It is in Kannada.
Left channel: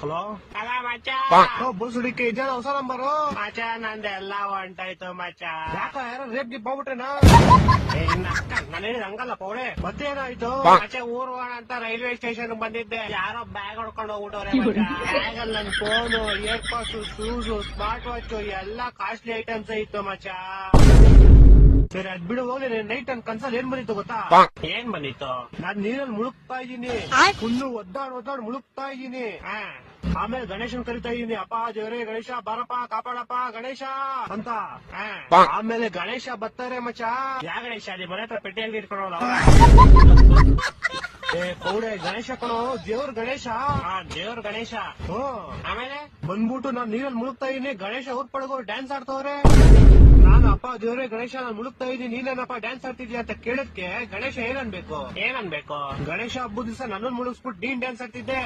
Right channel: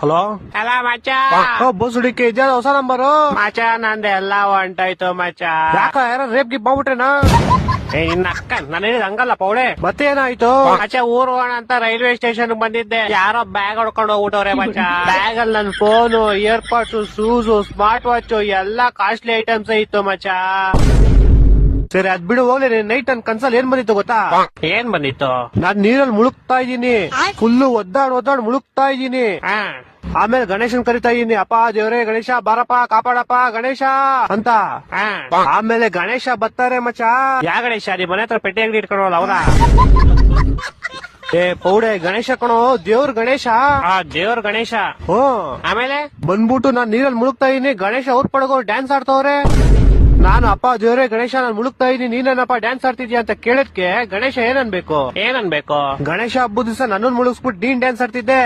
ಹಲೋ ಅಲ್ಲ ಮಚ್ಚ ಬೋಸುಡಿಕೆ ಇದ್ಯಾವ ಹೊಸ ನಂಬರು ಮಚ್ಚ ನಂದು ಎಲ್ಲ ಹೊಂಟಾಯ್ತು ಮಚ್ಚ. ಯಾಕ ಯಾರ ರೇಪ್ ಗಿಪ್ ಮಾಡ್ಬಿಟ್ರೇನಾ? ನಿನ್ನ ಅಕ್ಕ ನಾನು ಹೇಳಿದ ಹಂಗಲ್ಲ ಪೌಡೆ. ಮತ್ತೆ ಏನಾಯ್ತು? ಮಚ್ಚ ಊರ್ ಹೋಗೋಣ ಅಂತ ರೈಲ್ವೆ ಸ್ಟೇಷನ್ ಬಂದಿದ್ದೆ, ಯಾರೋ ಬ್ಯಾಗ್ ಹೊಡ್ಕೊಂಡು ಹೋಗ್ಬಿಟ್ಟವ್ರೆ ಮಚ್ಚ. ಬ್ಯಾಗ್ ಅಲ್ಲಿ ನನ್ ಫೋನು, ಇಯರ್ಪಾಡ್ಸ್, ಶೂಸ್, ಸ್ಮಾರ್ಟ್ ವಾಚ್ ಎಲ್ಲಾ ಕಾಸ್ಟ್ಲಿ ಐಟಮ್ಸ್ ಇತ್ತು ಮಚ್ಚ. ಸರಿ ಅದ್ ಬಿಡು ಹೋಗ್ಲಿ. ನೈಟ್ ನನ್ ಕನ್ಸಲ್ ಏನ್ ಬಂದಿತ್ತು ಗೊತ್ತಾ? ಏನ್ ಬಂದಿತ್ತು? ನಾನ್ ನೀರಲ್ಲಿ ಮುಳುಗ್ತಾ ಇದ್ದೀನಿ, ಫುಲ್ಲು ಒದ್ದಾಡ್ ಮುಳುಗ್ತಾ ಇದ್ದೀನಿ. ಆಮೇಲೆ ಗಣೇಶನ್ ಕರಿತಾ ಇದೀನಿ, ಅಪ್ಪ ದೇವ್ರೇ ಗಣೇಶ ಬಾರಪ್ಪ ಕಾಪಾಡಪ್ಪ ಗಣೇಶ ಅಂತ. ಆಮೇಲೆ ಗಣೇಶ ಬರ್ತಾರೆ ಮಚ್ಚ. ಯಾ ಗಣೇಶ? ನಿಮ್ ಮನೆ ಹತ್ರ ಪೆಟ್ಟಿ ಅಂಗಡಿ ಇಟ್ಕೊಂಡವಲ್ಲ ಅವ್ರ? ಏ ಪೌಡೆ ಗಣೇಶ ಕಣೋ, ದೇವ್ರ ಗಣೇಶ. ದೇವ್ರ ಗಣೇಶ. ಆಮೇಲೆ ಬಂದ್ಬಿಟ್ಟು ನಾನ್ ನೀರಲ್ಲಿ ಮುಳುಗ್ತಾ ಇದೀನಿ, ಗಣೇಶ ಅವ್ರ ಪಡಗೋ ಡ್ಯಾನ್ಸ್ ಆಡ್ತವ್ರೆ. ನಾನು ಅಪ್ಪ ದೇವ್ರೇ ಗಣೇಶ ನಾನ್ ಮುಳುಗ್ತಾ ಇದೀನಿ, ನೀನೇನಪ್ಪ ಡ್ಯಾನ್ಸ್ ಆಡ್ತಿದ್ಯಾ ಅಂತ ಕೇಳದ್ಕೆ ಗಣೇಶ ಏನನ್ಬೇಕು? ಏನನ್ಬೇಕು? ಗಣೇಶ ಹಬ್ಬದ ದಿವಸ ನನ್ನನ್ ಮುಳುಗಿಸ್ಬಿಟ್ಟು ನೀನ್ ಡ್ಯಾನ್ಸ್ ಆಡ್ತಿದ್ದೆ.